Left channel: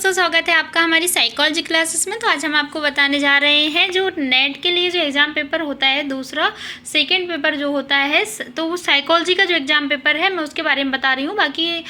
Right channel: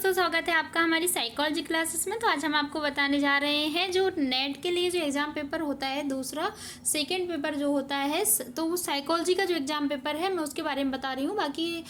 दोस्तों, स्वागत है आपका हमारी साइकोलॉजी क्लासेस में। तो आज हम आपको बताने जा रहे हैं जो नेट के लिए जो एग्ज़ाम पेपर होता है, दूसरा सेकंड पेपर जो होता है, तो वो साइकोलॉजी का जो एग्ज़ाम पेपर है मैं उसके बारे में बता रही हूँ। बाकी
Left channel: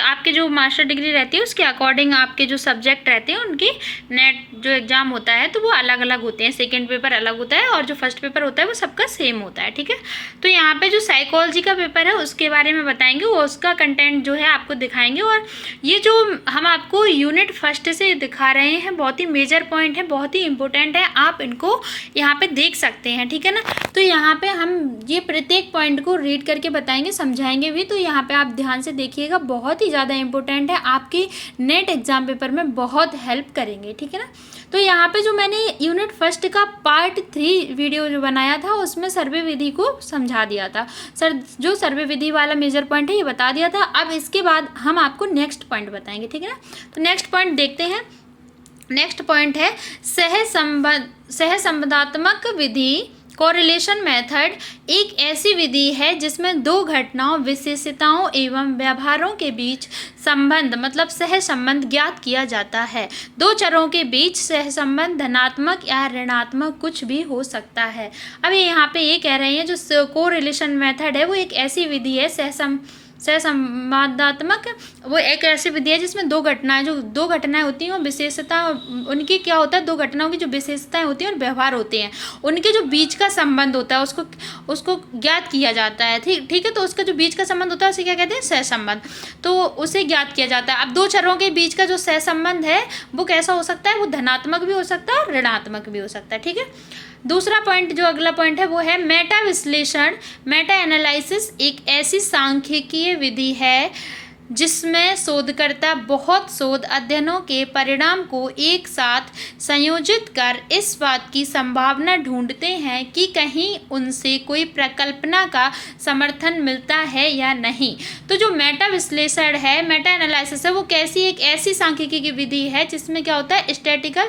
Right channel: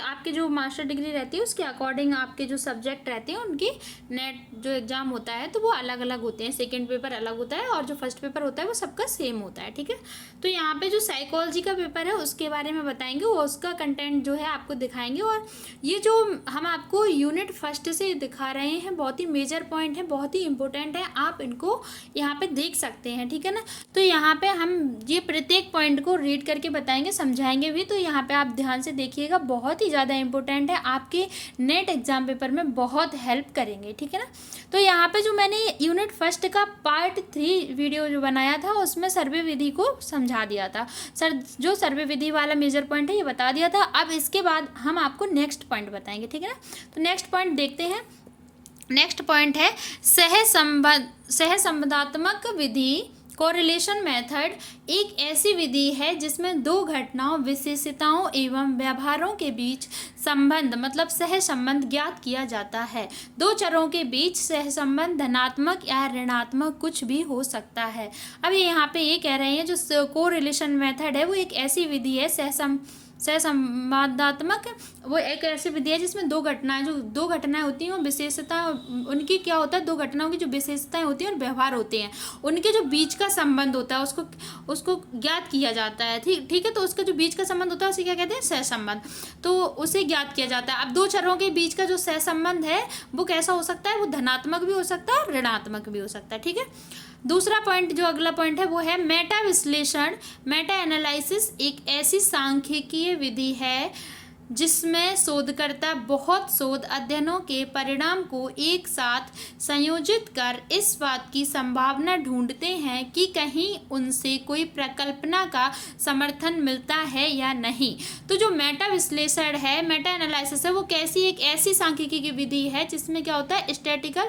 आपके जो मास्टर डिग्री रहती है उसके अकॉर्डिंग आपके जो सब्जेक्ट रहते हैं उनके नेट जो एग्ज़ाम होता है तो वो अलग अलग होते हैं। सेकेंड पेपर अलग होता है और जो फर्स्ट पेपर होता है वो सबका सेम होता है, ठीक है। तो यहाँ पर जो साइकोलॉजी का पेपर है उसके बारे में बताएंगे, वो उसका कंटेंट जो है आपको दिखाएंगे। और ये जो हम आपको यूनिट फर्स्ट से दिखा रहे हैं बहुत ही मेजर पॉइंट है, बहुत ही इंपॉर्टेंट है, आप इनको यहाँ पे देख सकते हैं, ठीक है ना। तो यहाँ पे हम ये प्रत्येक पॉइंट को रीड करके बताएंगे, समझाएंगे भी। तो यहाँ पे आप ध्यान से देखिएगा, बहुत ही ज़्यादा इंपॉर्टेंट है, आपके नेट एग्जाम पेपर में बहुत हेल्प करेंगे, ठीक है ना। तो यहाँ पे जो मैंने यूनिट फर्स्ट का पार्ट 3 वीडियो जो बनाया था उसमें सर्वे विधि को समझा दिया था सर, जो सर्वे विधि वाला मेजर पॉइंट है ये बता दिया था। अब इसके बाद हम आपको नेक्स्ट पॉइंट बताएंगे, ठीक है ना। तो नेक्स्ट पॉइंट देखते हैं। नेक्स्ट पॉइंट है सहसंबंधात्मक विधि। कोरिलेशन मेथड एक ऐसी विधि है जिसमें दो घटनाओं, विशेषताओं एवं व्यवहारों के बीच संबंध मतलब सहसंबंध ज्ञात किया जाता है। दो चरों के बीच सहसंबंध धनात्मक या ऋणात्मक कुछ भी हो सकता है। अब यहाँ पे ये कह रहे हैं जो कोरिलेशन मेथड है वो एक ऐसी विधि है, सहसंबंधात्मक वो एक ऐसी विधि है जिसमें दो घटनाएं होती हैं और विशेषता उनकी क्या होता है, दो घटनाओं की जो विशेषताएं होती हैं और व्यवहार होते हैं उनके जो बीच का संबंध होता है उसको ज्ञात किया जाता है, ठीक है। तो उसका जो बीच का संबंध होता है उसे क्या कहते हैं, सहसंबंध। तो उसे ज्ञात किया जाता है। अब दो चरों के बीच का जो सहसंबंध है वो कैसा हो सकता है, वो धनात्मक भी हो सकता है और ऋणात्मक भी हो सकता है, ठीक है। दूसरा पॉइंट जो अगला पॉइंट है वो है मेटा विश्लेषण। मेटा एनालिसिस एक ऐसी सांख्यिकीय विधि है जिसमें शोधकर्ता बहुत शोध अध्ययनों के परिणाम को एक साथ संयोजित कर इस बात की संभावना ढूंढते हैं कि कहीं उनसे कोई प्रकल्पना का समर्थन मिलता है या नहीं। तो जो मेटा विश्लेषण है, मेटा एनालिसिस है, वो एक ऐसी सांख्यिकी की विधि है जिसमें क्या होता है, स्टैटिकल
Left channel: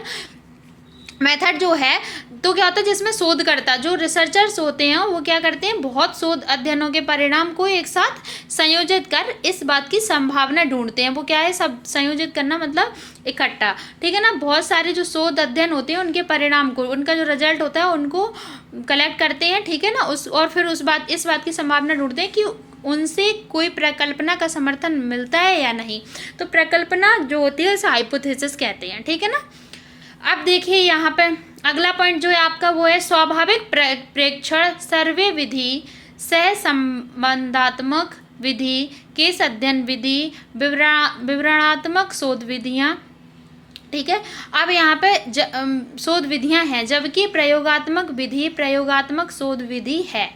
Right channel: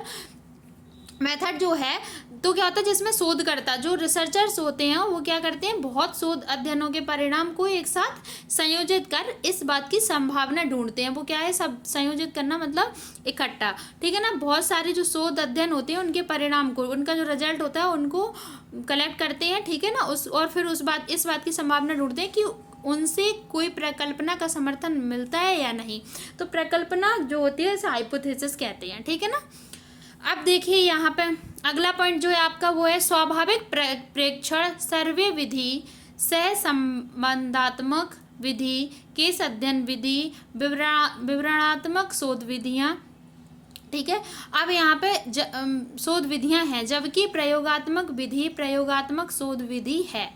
मेथड जो है, तो क्या होता है जिसमें शोधकर्ता जो रिसर्चर्स होते हैं वो क्या करते हैं, बहुत शोध अध्ययनों के परिणाम को एक साथ संयोजित कर इस बात की संभावना ढूंढते हैं। वो क्या है, सब संयोजित करना मतलब इकट्ठा, ठीक है ना। बहुत सारे जो शोध अध्ययन होते हैं उनके परिणाम को, उनका जो रिजल्ट होता है उनको कलेक्ट करते हैं, ठीक है ना। और फिर इस बात की संभावना ढूंढते हैं कि उनसे कोई प्रकल्पना का समर्थन मिलता है या नहीं। तो प्रकल्पना जो होती है उसे हाइपोथेसिस कहते हैं, ठीक है ना। अब देखिए यहाँ पे अगला पॉइंट जो है आपका वो है स्वाभाविक प्रेक्षण सर्वे विधि, सहसंबंधात्मक विधि, केस अध्ययन विधि, विवरणात्मक शोध विधियाँ, ठीक है। अब यहाँ पे शोध विधियाँ हैं, जबकि प्रयोगात्मक विधि प्रयोगात्मक शोध विधि है।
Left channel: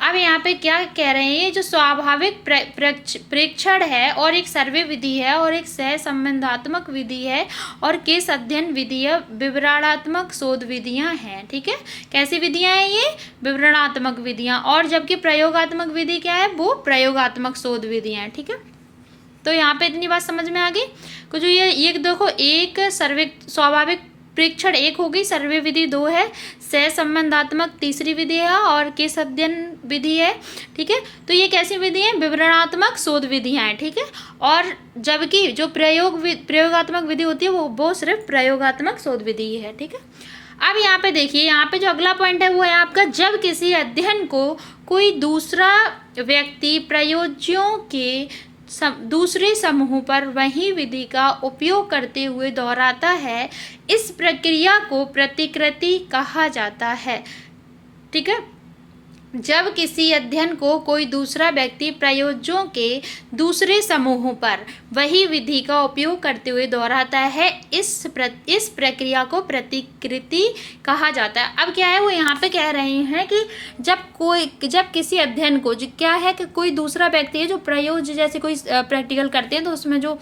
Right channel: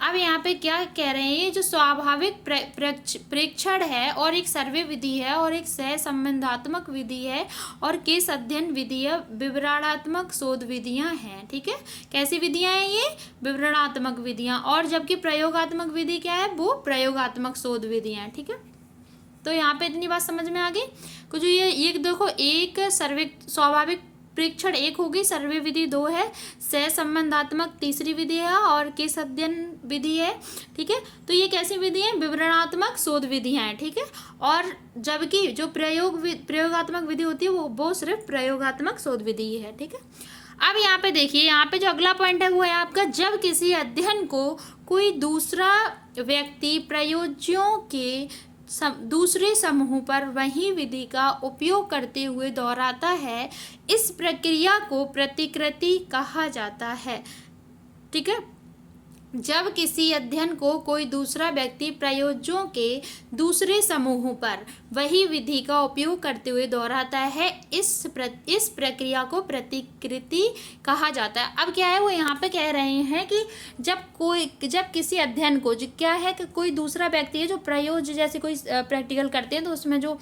अब यहाँ पे क्या कह रहे हैं, जो स्वाभाविक प्रेक्षण है और एक सर्वे विधि है और एक सहसंबंधात्मक विधि है और केस अध्ययन विधि है, विवरणात्मक शोध विधियाँ हैं, ठीक है। कैसी विधियाँ हैं ये, विवरणात्मक विधियाँ। और जबकि प्रयोगात्मक विधि क्या है, वो प्रयोगात्मक शोध विधियाँ हैं, ठीक है। तो यहाँ पे इतनी बात समझ में आ गई को जो ये देखो, एक स्वाभाविक प्रेक्षण एक हो गई, सर्वे विधि 2 है, सहसंबंधात्मक तीसरी विधि है और केस अध्ययन विधि है, ठीक है। तो ये कैसी विधि है, विवरणात्मक शोध विधियाँ हैं, ठीक है। और जबकि जो प्रयोगात्मक विधि होती है वो सिर्फ प्रयोगात्मक शोध विधि है, ठीक है। अब यहाँ पे देखिए, यहाँ पे जो अगला पॉइंट है वो है आपका, जब किसी अध्ययन को कोई दूसरा व्यक्ति प्रयोज्यों के दूसरे समूह पर वही विधि का उपयोग करते हुए दोहराता है, इस प्रक्रिया को प्रतिकृति कहा जाता है, ठीक है। जब किसी अध्ययन को कोई दूसरा व्यक्ति प्रयोज्यों के दूसरे समूह पर वही विधि का उपयोग करते हुए दोहराता है, इस प्रक्रिया को प्रतिकृति कहा जाता है। अब क्या है, वो यहाँ पे कह रहे हैं कि जब किसी अध्ययन को क्या है कि कोई दूसरा व्यक्ति है जो प्रयोज्य, जैसे कोई प्रैक्टिकल करते हैं तो उसमें जो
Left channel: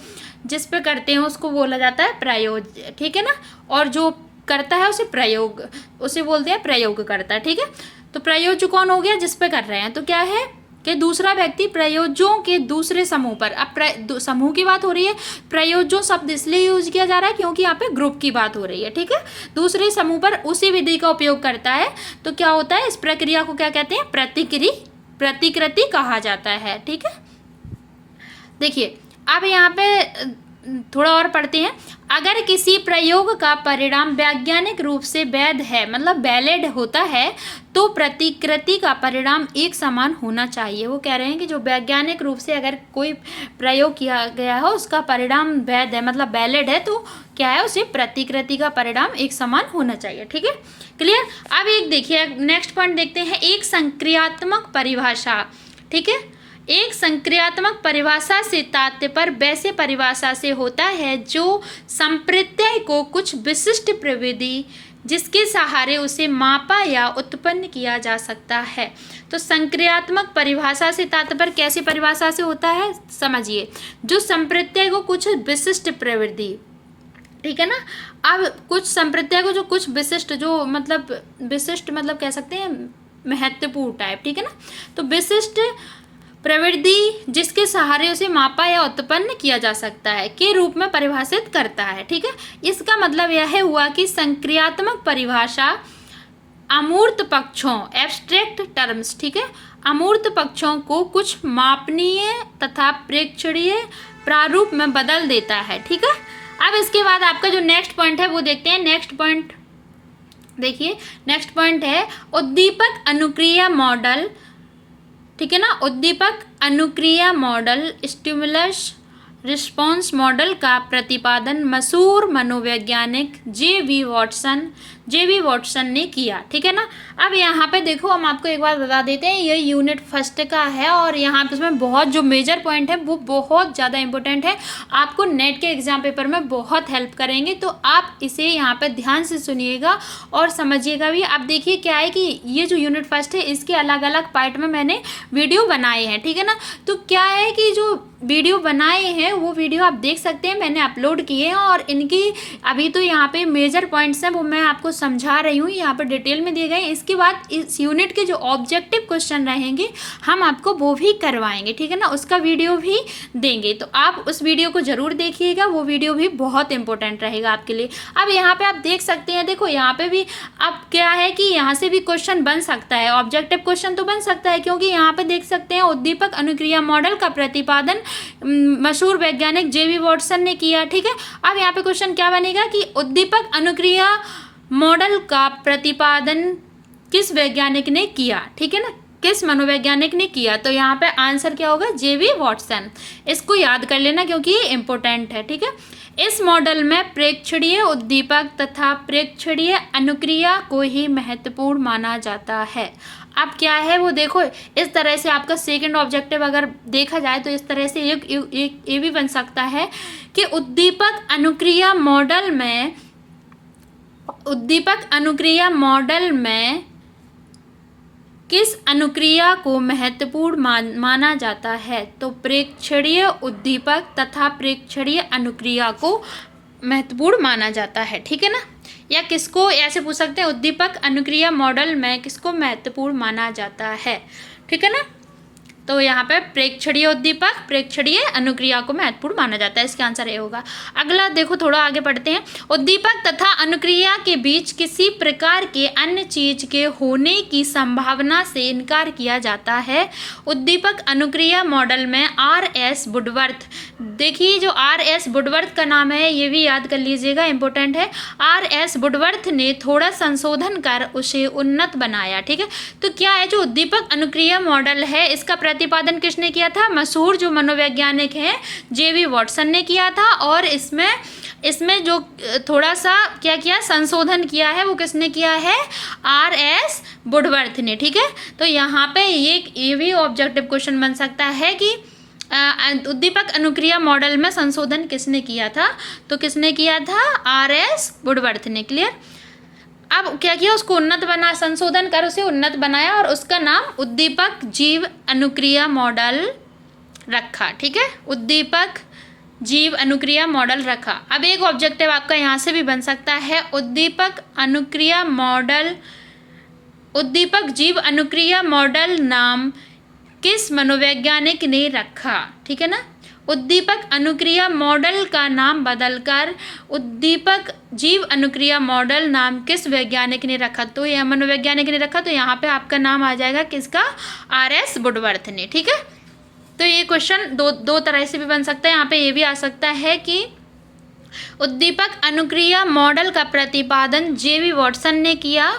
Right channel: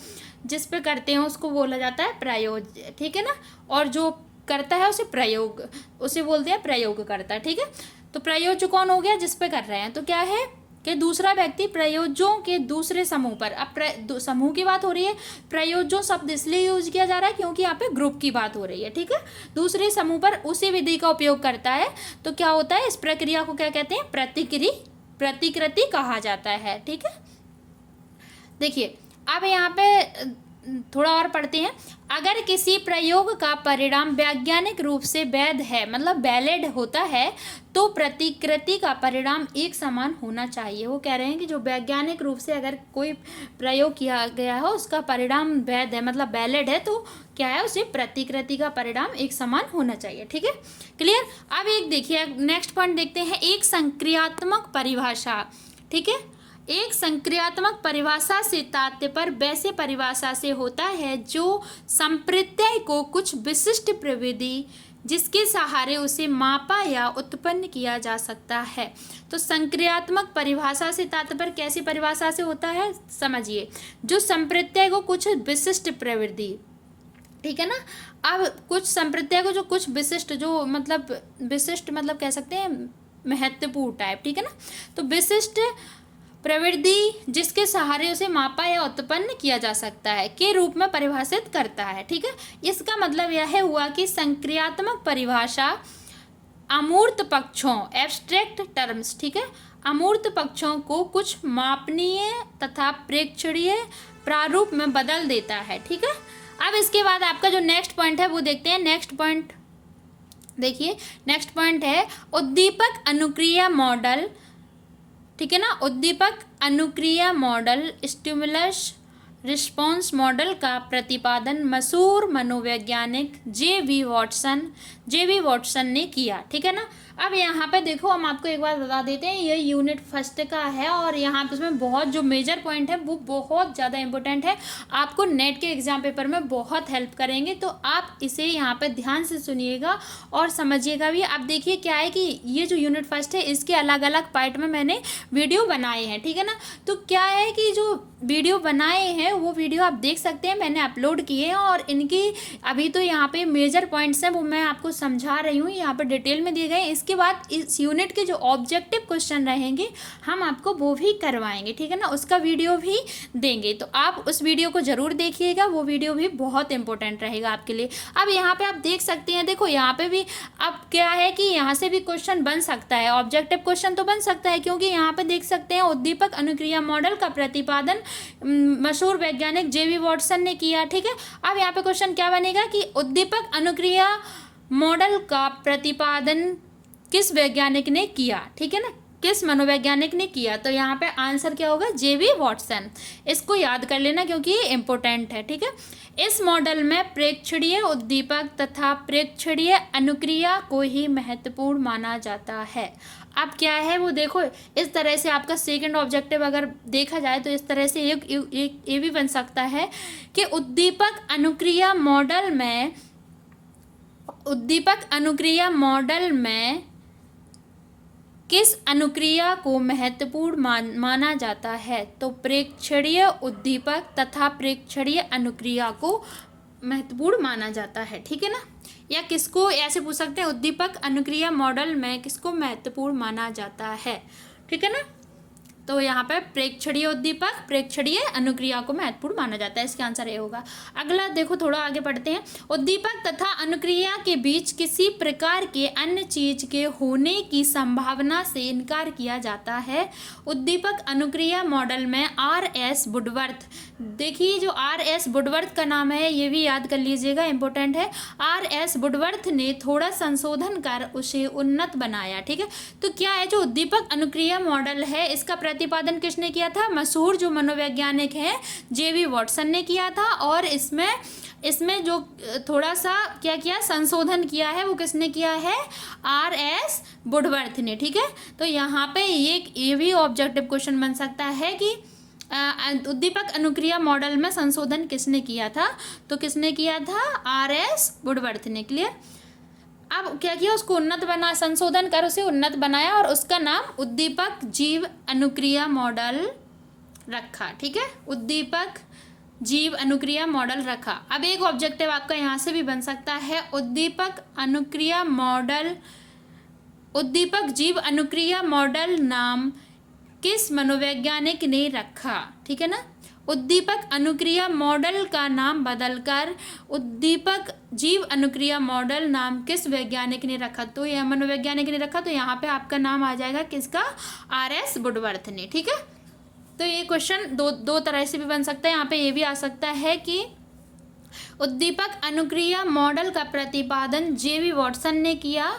जिस पे करते हैं उसको बोला जाता है प्रयोज्य, ठीक है ना। और जो करता है उसे बोलते हैं प्रयोग करता है, ठीक है। तो प्रयोज्य कौन हो गया, जिस पे कर रहे हैं। तो क्या है कि दूसरा व्यक्ति प्रयोज्यों के दूसरे समूह पर, अब समूह की बात हो रही है, प्रयोज्यों शब्द इसलिए यूज किया जा रहा है क्योंकि यहाँ पे ग्रुप की बात हो रही है, ठीक है। दूसरे समूह पर उसी विधि का उपयोग करता है तो क्या होता है, इस प्रक्रिया को क्या कहते हैं, प्रतिकृति कहा जाता है, ठीक है। देखिए अब यहाँ पे थोड़ा और पढ़ते हैं। अगर किसी प्रयोग का परिणाम वैज्ञानिक रूप से वैध है, मतलब वैलिड होता है, तो प्रतिकृति का परिणाम एक समान होना चाहिए। वो कह रहे हैं कि जो वैज्ञानिक रूप से अगर कोई प्रयोग किया गया हो, उसका परिणाम वैध है, मतलब वैलिड है, तो क्या है, उसे प्रतिकृति का परिणाम एक समान होना चाहिए। ठीक है, क्लियर। अब एक देखिए, नेक्स्ट पॉइंट देखते हैं, एक संक्रियात्मक परिभाषा। ठीक है, एक संक्रियात्मक परिभाषा से तात्पर्य वैसे परिभाषा से होता है जो संप्रत्यय को कुछ विशिष्ट प्रविधि जिसके सहारे उसे मापा या उत्पन्न किया जा सकता है। तो संक्रियात्मक परिभाषा से तात्पर्य कैसी परिभाषा से होता है, समझिए, जो संप्रत्यय को कुछ विशिष्ट प्रवृत्ति, ठीक है ना। अब कुछ संप्रत्यय को जो कुछ विशिष्ट, जो मतलब विशिष्ट मतलब कह सकते हैं महत्वपूर्ण टाइप, ठीक है ना, तो विशिष्ट प्रवृत्ति जिसके सहारे उसे मापा या उत्पन्न किया जा सकता है के रूप में परिभाषित करता है। ठीक है, इसका मतलब यह हुआ कि संक्रियात्मक परिभाषा अमूर्त पक्षों, एब्स्ट्रैक्ट टर्म्स, ठीक है, अमूर्त पक्षों को कुछ मापनीय तथा प्रेक्षणीय प्रारूप में बदल देता है। ठीक है, अब इसके बाद आपका जो नेक्स्ट पॉइंट है वो देखते हैं। नेक्स्ट पॉइंट देखिए, नेक्स्ट पॉइंट है उद्दीपक अनुक्रिया मॉडल। ठीक है ना, उद्दीपक अनुक्रिया मॉडल, स्टिमुलस रिस्पॉन्स मॉडल का प्रतिपादन मशहूर मनोवैज्ञानिक जे.वी. वॉटसन ने किया। ठीक है ना, अब यहाँ पे देखो, हम आपको एक बार बता देते हैं, ये यूनिट फर्स्ट का है और यहाँ पे इसमें बहुत जो मेजर पॉइंट है वो बहुत ज़्यादा इंपॉर्टेंट है, आपको नेट के एग्जाम पेपर में बहुत हेल्प करेंगे, तो आप इसे यहाँ पे ध्यान से सुनिएगा और समझिएगा भी। आप देखिए क्या है कि ये जो यूनिट फर्स्ट है, इसके अलग अलग पार्ट में मैंने वीडियो बनाए हैं। ठीक है ना, तो क्या है कि जो वीडियो बनाए हैं वो वीडियो आप देख सकते हैं, मैंने अपलोड किए हैं, और इनकी अभी तो यहाँ पे मेजर पॉइंट्स हैं वो मैं आपको समझा रही हूँ, यहाँ पर डिटेल में दिए गए। इसके बाद इस यूनिट के जो ऑब्जेक्टिव क्वेश्चन रहेंगे हम आपको वो भी करवाएंगे। ठीक है ना, उसका वीडियो भी देंगे, तो आप उस वीडियो को जरूर देखिएगा, वो वीडियो भी बहुत इंपॉर्टेंट रहेगा आपके लिए। अब यहाँ पे आप देख सकते हैं, देखो यहाँ पे भी अब क्या है कि यहाँ से भी क्वेश्चन बन सकता है, ऑब्जेक्टिव क्वेश्चन तो बन सकता है, क्योंकि यहाँ पे देख सकते हैं उद्दीपक अनुक्रिया मॉडल का प्रतिपादन मशहूर वैज्ञानिक जे.वी. वॉटसन ने किया। ठीक है, अब यहाँ पे क्वेश्चन क्या बनेगा कि उद्दीपक अनुक्रिया मॉडल का प्रतिपादन किस वैज्ञानिक ने किया। ठीक है ना, किस मनोवैज्ञानिक ने किया, तो यहाँ पे आंसर क्या होगा, जे.वी. वॉटसन। इसको याद कर लेना क्योंकि ये इंपॉर्टेंट है। ठीक है, इस मॉडल में प्रेक्षणीय उद्दीपक तथा प्रेक्षणीय अनुक्रिया को ही महत्वपूर्ण माना जाता है। अब क्या है वो देखो, इस तरह से आपका सेकंड ऑब्जेक्टिव अगर देखा जाए तो इस तरह से एक ये भी बन सकता है कि उद्दीपक अनुक्रिया मॉडल में किस अनुक्रिया को महत्वपूर्ण माना जाता है, तो प्रेक्षणीय उद्दीपक तथा प्रेक्षणीय अनुक्रिया को महत्वपूर्ण माना जाता है। ठीक है ना, या किसको ऐसे पूछ सकते हैं, उद्दीपक अनुक्रिया मॉडल में किसको महत्वपूर्ण माना जाता है। ठीक है ना, तो यहाँ पे प्रेक्षणीय उद्दीपक प्रेक्षणीय अनुक्रिया को महत्वपूर्ण माना जाता है, इसका आंसर ये होगा। अगला देखो, थोड़ा आगे बढ़ते हैं। उद्दीपक तथा अनुक्रिया के बीच किसी प्रकार के अन्य चीज के होने की संभावना से इनकार किया जाता है। उद्दीपक अनुक्रिया मॉडल में R.S. वुडवर्थ, देखिए जो R.S. वुडवर्थ का नाम है ये भी याद कर लीजिएगा, इंपॉर्टेंट है। R.S. वुडवर्थ ने थोड़ा संशोधन कर उसे उन्नत बनाया। ठीक है, तो क्या है, जो उद्दीपक अनुक्रिया मॉडल है इसका प्रतिपादन किसने किया था, मशहूर जो मनोवैज्ञानिक है जे.वी. वॉटसन ने किया था, और इसमें जो थोड़ा सा क्या किया, संशोधन किया है, वो किसने किया है, R.S. वुडवर्थ ने। ठीक है, तो यहाँ पे ये भी ऑब्जेक्टिव क्वेश्चन बन सकता है कि उद्दीपक अनुक्रिया मॉडल में संशोधन किसने किया था, तो किसने किया था, R.S. वुडवर्थ ने। क्लियर। अब क्या किया, उसको उन्नत बना, संशोधन कर उसे उन्नत बनाया और उसका नाम उद्दीपक जीव अनुक्रिया मॉडल रखा। ठीक है, उद्दीपक जीव अनुक्रिया मॉडल रखा। अब एक ऑब्जेक्टिव आपका यहाँ से भी बन सकता है, उद्दीपक जीव अनुक्रिया मॉडल नाम किस मनोवैज्ञानिक ने रखा। ठीक है ना, उद्दीपक अनुक्रिया मॉडल का नाम बदलकर उद्दीपक जीव अनुक्रिया मॉडल नाम किस वैज्ञानिक ने रखा, तो यह मनोवैज्ञानिक ने रखा, तो यहाँ पे आपका नाम आ जाएगा किसका, R.S. वुडवर्थ ने। ठीक है, तो ये क्वेश्चन दो तरह से भी बन सकता है, यहाँ पे ये भी आ सकता है कि उद्दीपक अनुक्रिया मॉडल का प्रतिपादन जेबी वॉटसन ने किया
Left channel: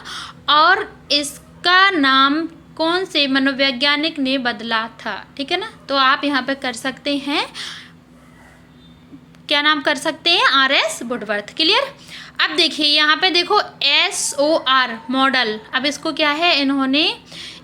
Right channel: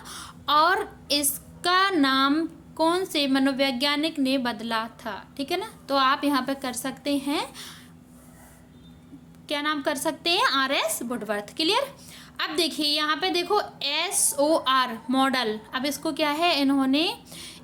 और इसका नाम कौन से मनोवैज्ञानिक ने बदला था। ठीक है ना, तो आप यहाँ पे कर सकते हैं, क्या नाम कर सकते हैं, RS वुडवर्थ। क्लियर। अब देखिए यहाँ पे देखो SOR मॉडल, अब इसको क्या है, इन्होंने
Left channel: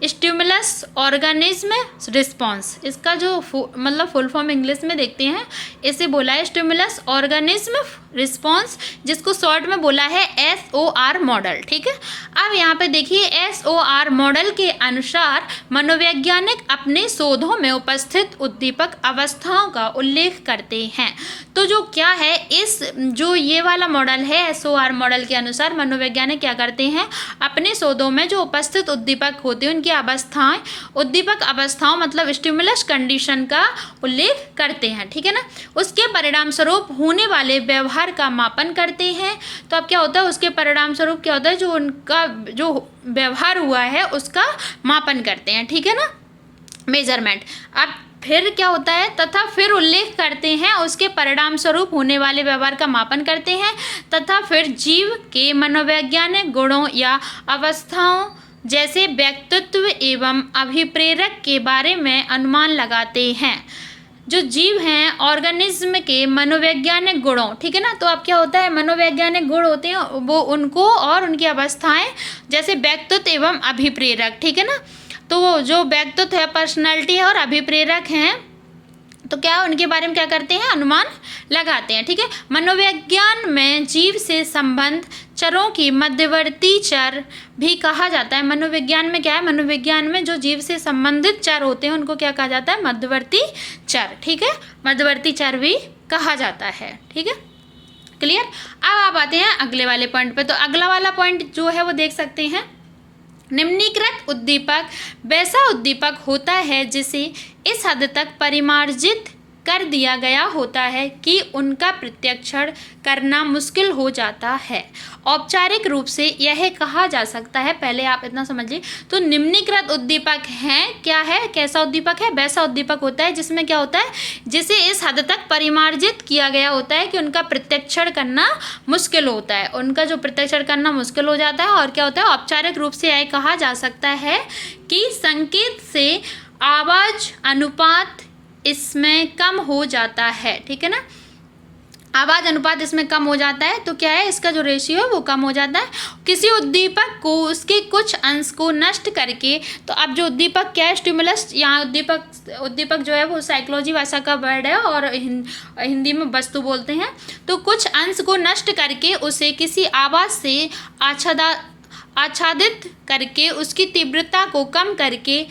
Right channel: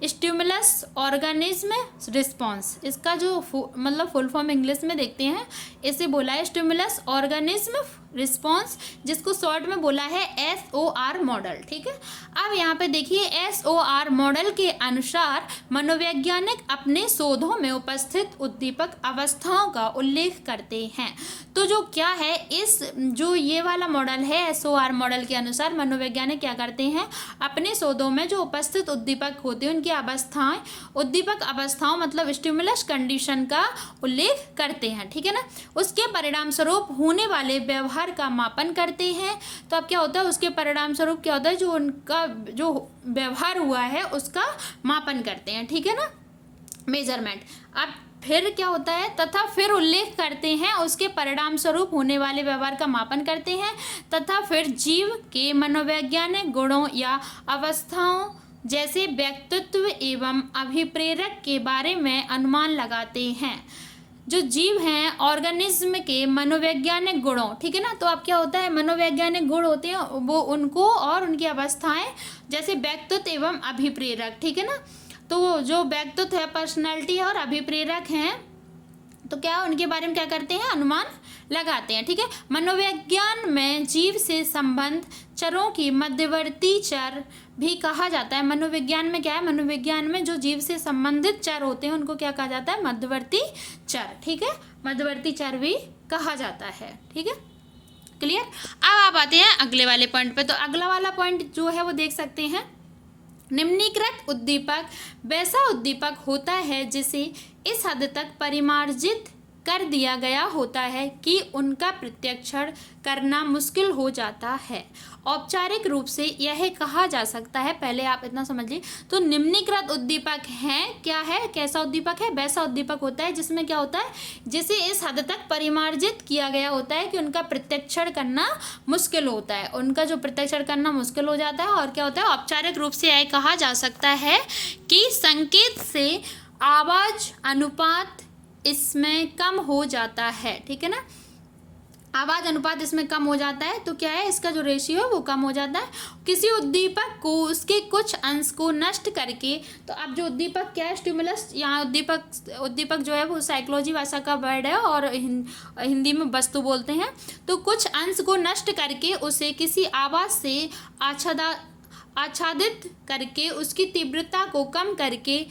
स्टिमुलस ऑर्गेनिज्म रिस्पॉन्स, इसका जो मतलब फुल फॉर्म इंग्लिश में देखते हैं, इसे बोला है स्टिमुलस ऑर्गेनिज्म रिस्पॉन्स, जिसको शॉर्ट में बोला है SOR मॉडल। ठीक है। अब यहाँ पे देखिए SOR मॉडल के अनुसार मनोवैज्ञानिक अपने शोधों में उपस्थित उद्दीपक अवस्थाओं का उल्लेख करते हैं। तो जो क्या है, इस जो ये वाला मॉडल है SOR मॉडल के अनुसार मनोवैज्ञानिक क्या करते हैं, अपने शोधों में जो उपस्थित उद्दीपक होते हैं उनकी अवस्थाएं, उद्दीपक अवस्थाओं मतलब स्टिमुलस कंडीशन का उल्लेख करते हैं। ठीक है ना। उसके परिणाम स्वरूप होने वाले व्यवहार का मापन करते हैं। तो अब क्या होता है, उसके परिणाम स्वरूप क्या होता है, जो उनका जो व्यवहार हुआ है उसका मापन करते हैं। ठीक है ना, मेजरमेंट। अब फिर क्या होता है, तथा फिर उल्लेख करते हैं, उसके परिणाम स्वरूप होने वाले व्यवहार का मापन करते हैं, तथा फिर जीव के मनोवैज्ञानिक गुणों या अवस्थाओं जैसे व्यक्तित्व एवं अभिप्रेरक के बारे में अनुमान लगाते हैं। जो जीव हैं, ऑर्गेनिज्म के मनोवैज्ञानिक गुणों, ठीक है ना, तो अब क्या होता है, मनोवैज्ञानिक गुण होते हैं वो उनको और उनकी अवस्थाएं जैसे व्यक्तित्व एवं अभिप्रेरक। ठीक है ना, तो जो व्यक्तित्व है, पर्सनालिटी है, और अभिप्रेरक हैं, तो क्या उनके बारे में क्या करते हैं, अनुमान लगाते हैं। ठीक है। मनोविज्ञान में जीव से संबंध चरों की मध्यवर्ती चर भी कहा जाता है। मनोविज्ञान में क्या है, मनोविज्ञान में जो जीव से संबंधित चर होते हैं उनको क्या कहा जाता है, मध्यवर्ती चर। ठीक है, मध्यवर्ती चर भी कहा जाता है। ठीक है, क्लियर। अब आप आते हैं अगले वाले पॉइंट पे। तो अगला वाला पॉइंट जो है वो देख सकते हैं, निम्नीकृत उद्दीपक वैसा उद्दीपक होता है जिसे इस हद तक परिमार्जित कर दिया गया होता है कि उनका प्रत्यक्षण करना मुश्किल हो जाता है। औपचारिक रूप से यह कहा जा सकता है, पहले आप इतना समझिए, तो निम्नीकृत उद्दीपक हैं, क्या है, कैसा उद्दीपक है, वैसा उद्दीपक होता है जिसमें क्या होता है, जिसे इस हद तक परिमार्जित किया गया होता है कि उनका प्रत्यक्षण करना मुश्किल होता है, उनका जो प्रत्यक्षण करना मुश्किल हो जाता है। और क्या होता है, औपचारिक रूप से यह कहा जा सकता है कि संकेत से आवाज अनुपात इसमें कम हो जाता है। ठीक है ना, आवाज अनुपात इसमें कम हो जाता है, तो क्या है, इसका जो रेशियो है वो कम हो जाता है। किसी उद्दीपक को उसके कुछ अंश को नष्ट करके, तो अब जो उद्दीपक क्या है, स्टिमुलस, यहाँ उद्दीपक जो है वो साइकोलॉजी भाषा का वर्ड है और हिंदी में वस्तु बोलते हैं। तो कुछ अंश को नष्ट करके उसे किसी आवाज से आच्छादित करके उसकी तीव्रता को कम करके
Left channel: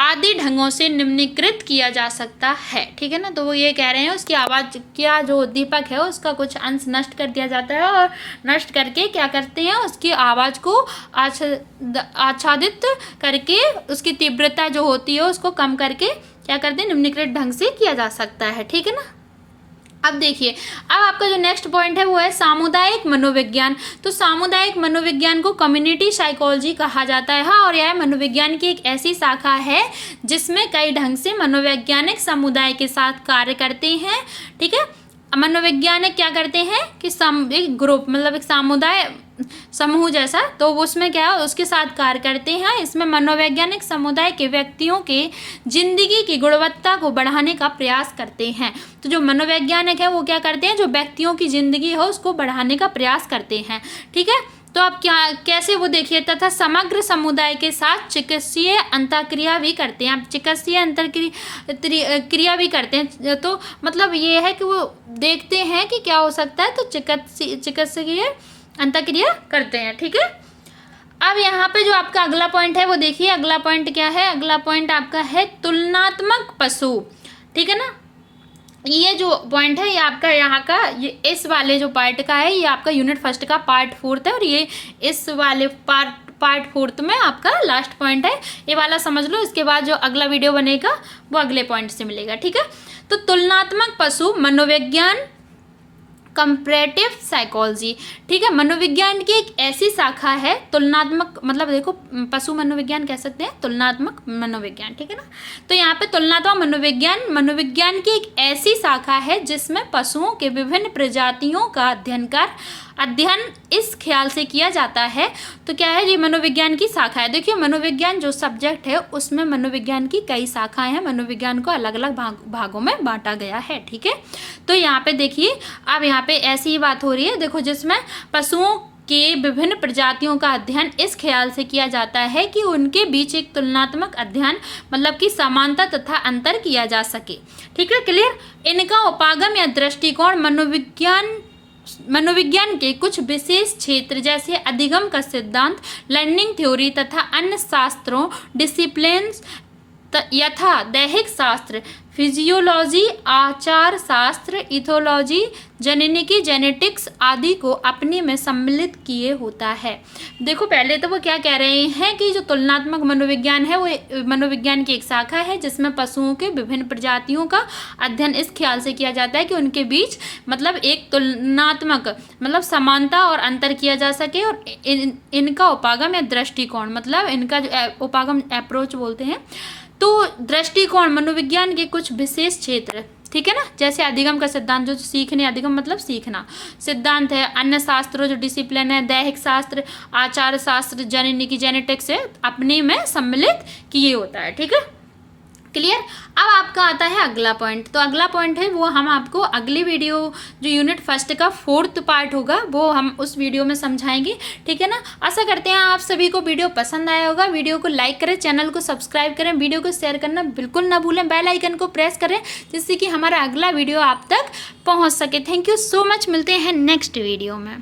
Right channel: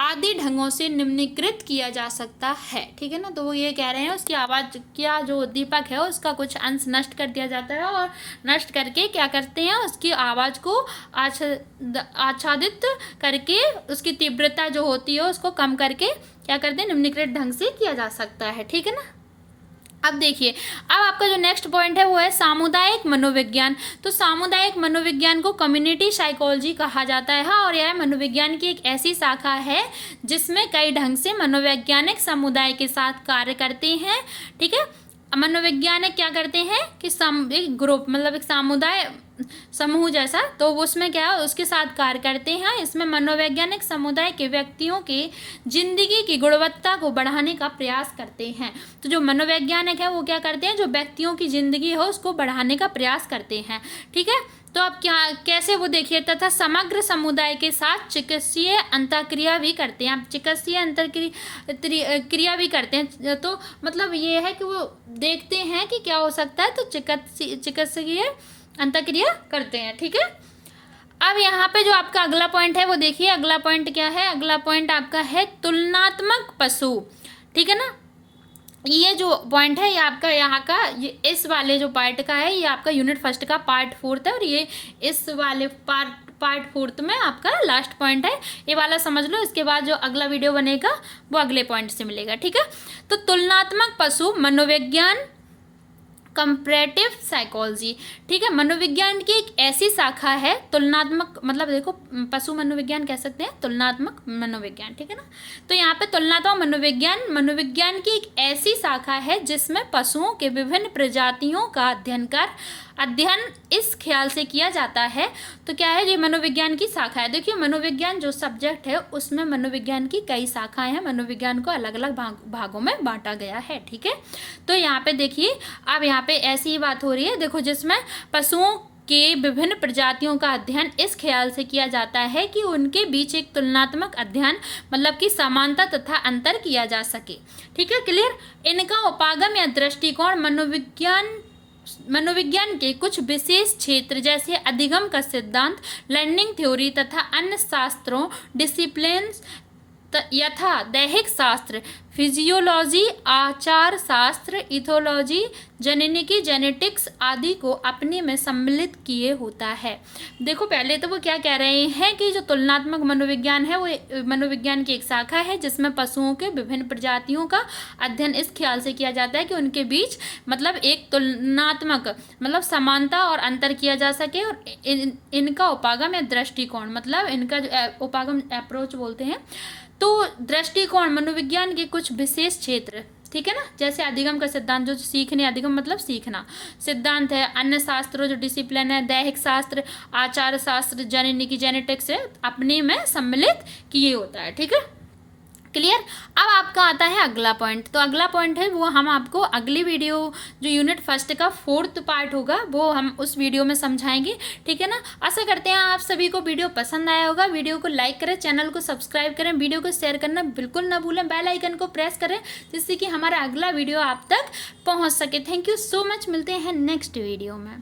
आदि ढंगों से निम्नीकृत किया जा सकता है। ठीक है ना, तो वो ये कह रहे हैं उसकी आवाज़ क्या, जो उद्दीपक है उसका कुछ अंश नष्ट कर दिया जाता है और नष्ट करके क्या करते हैं, उसकी आवाज़ को आच्छादित करके उसकी तीव्रता जो होती है उसको कम करके क्या करते हैं, निम्नीकृत ढंग से किया जा सकता है। ठीक है ना। अब देखिए, अब आपका जो नेक्स्ट पॉइंट है वो है सामुदायिक मनोविज्ञान। तो सामुदायिक मनोविज्ञान को कम्युनिटी साइकोलॉजी कहा जाता है। हाँ, और यह मनोविज्ञान की एक ऐसी शाखा है जिसमें कई ढंग से मनोवैज्ञानिक समुदाय के साथ कार्य करते हैं। ठीक है, मनोवैज्ञानिक क्या करते हैं कि एक ग्रुप मतलब एक समुदाय समूह जैसा, तो उसमें क्या है, उसके साथ कार्य करते हैं। इसमें मनोवैज्ञानिक समुदाय के व्यक्तियों के जिंदगी की गुणवत्ता को बढ़ाने का प्रयास करते हैं। तो जो मनोवैज्ञानिक है वो क्या करते हैं, जो व्यक्तियों की जिंदगी है उसको बढ़ाने का प्रयास करते हैं। ठीक है, तो आप क्या कैसे वो देखिए, तथा समग्र समुदाय के साथ चिकित्सीय अंतःक्रिया भी करते हैं। आप चिकित्सीय अंतःक्रिया भी करते हैं, तो मतलब ये है कि वो देखते हैं कि क्या हो सकता है, तो चिकित्सकीय अंतःक्रिया करते हैं। ठीक है, अब यहाँ पे जो आपका अगला पॉइंट है वो देखिए, अगला पॉइंट क्या है, अगला पॉइंट आपका है तुलनात्मक पशु। ठीक है ना, ये जो पॉइंट है ये आपका यहाँ का, ये इस वाले जो पार्ट का है, ये आपका यूनिट फर्स्ट का पार्ट 4 है, और ये इस वाले पार्ट 4 में आपका लास्ट पॉइंट है। ये वाला समझ लो, इसके बाद जो अगला वीडियो बनेगा वो अगले पॉइंट से मिलेगा। ठीक है, तो तुलनात्मक पशु मनोविज्ञान कंपैरेटिव साइकोलॉजी, ठीक है। मनोविज्ञान की एक ऐसी शाखा है, तुलनात्मक, मतलब देखो पशु मनोविज्ञान कह सकते हैं, तुलनात्मक मनोविज्ञान, ठीक है ना। तो यहाँ पे तुलनात्मक मनोविज्ञान की एक ऐसी शाखा है जिसमें पशुओं के विभिन्न प्रजातियों का अध्ययन इस ख्याल से किया जाता है। तो क्या है, ये मनोविज्ञान की शाखा है। देखिए मनोविज्ञान जो सब्जेक्ट है उसमें मनोविज्ञान की कई शाखाएं हैं, मनोविज्ञान को अलग अलग भागों में बांटा गया है, ठीक है। तो यहाँ पे देखिए, अब यहाँ पे ऐसी ही बात हो रही है, देखो जिसमें पशुओं के विभिन्न प्रजातियों का अध्ययन इस ख्याल से किया जाता है कि उनके बीच एक तुलनात्मक अध्ययन, मतलब कि समानता तथा अंतर किया जा सके, ठीक है, क्लियर। इनका उपागम या दृष्टिकोण मनोविज्ञान के कुछ विशेष क्षेत्र जैसे अधिगम का सिद्धांत, लर्निंग थ्योरी तथा अन्य शास्त्रों डिसिप्लिन्स यथा दैहिक शास्त्र, फिजियोलॉजी, आचार शास्त्र, इथोलॉजी, जेनेटिकी, जेनेटिक्स आदि को अपने में सम्मिलित किए होता है। देखो पहले तो वो क्या कह रहे हैं कि जो तुलनात्मक मनोविज्ञान है वो मनोविज्ञान की एक शाखा है जिसमें पशुओं के विभिन्न प्रजातियों का अध्ययन इस ख्याल से किया जाता है कि उनके बीच मतलब एक तुलनात्मक मतलब समानता और अंतर किया जा सके, और इनका उपागम या दृष्टिकोण, मतलब इनका जो उपागम अप्रोच बोलते हैं, तो दृष्टिकोण मनोविज्ञान के कुछ विशेष क्षेत्र, ठीक है ना, जैसे अधिगम का सिद्धांत जो सीखने, अधिगम मतलब सीखना, सिद्धांत है, अन्य शास्त्रों जो डिसिप्लिन है, दैहिक शास्त्र, आचार शास्त्र, जेनेटिकी, जेनेटिक्स से अपने में सम्मिलित किए होता है, ठीक है, क्लियर। अब आपका आता है अगला पॉइंट। तो अगला पॉइंट है वो हम आपको अगली वीडियो जो यूनिट 1 का 4th पार्ट होगा वो हम उस वीडियो में समझाएंगे, ठीक है ना। आशा करते हैं आप सभी को वीडियो पसंद आया होगा। वीडियो को लाइक करें, चैनल को सब्सक्राइब करें, वीडियो को शेयर करना बिल्कुल ना भूलें, बेल आइकन को प्रेस करें जिससे कि हमारा अगला वीडियो आप तक पहुँच सके। थैंक यू सो मच, मिलते हैं नेक्स्ट वीडियो में।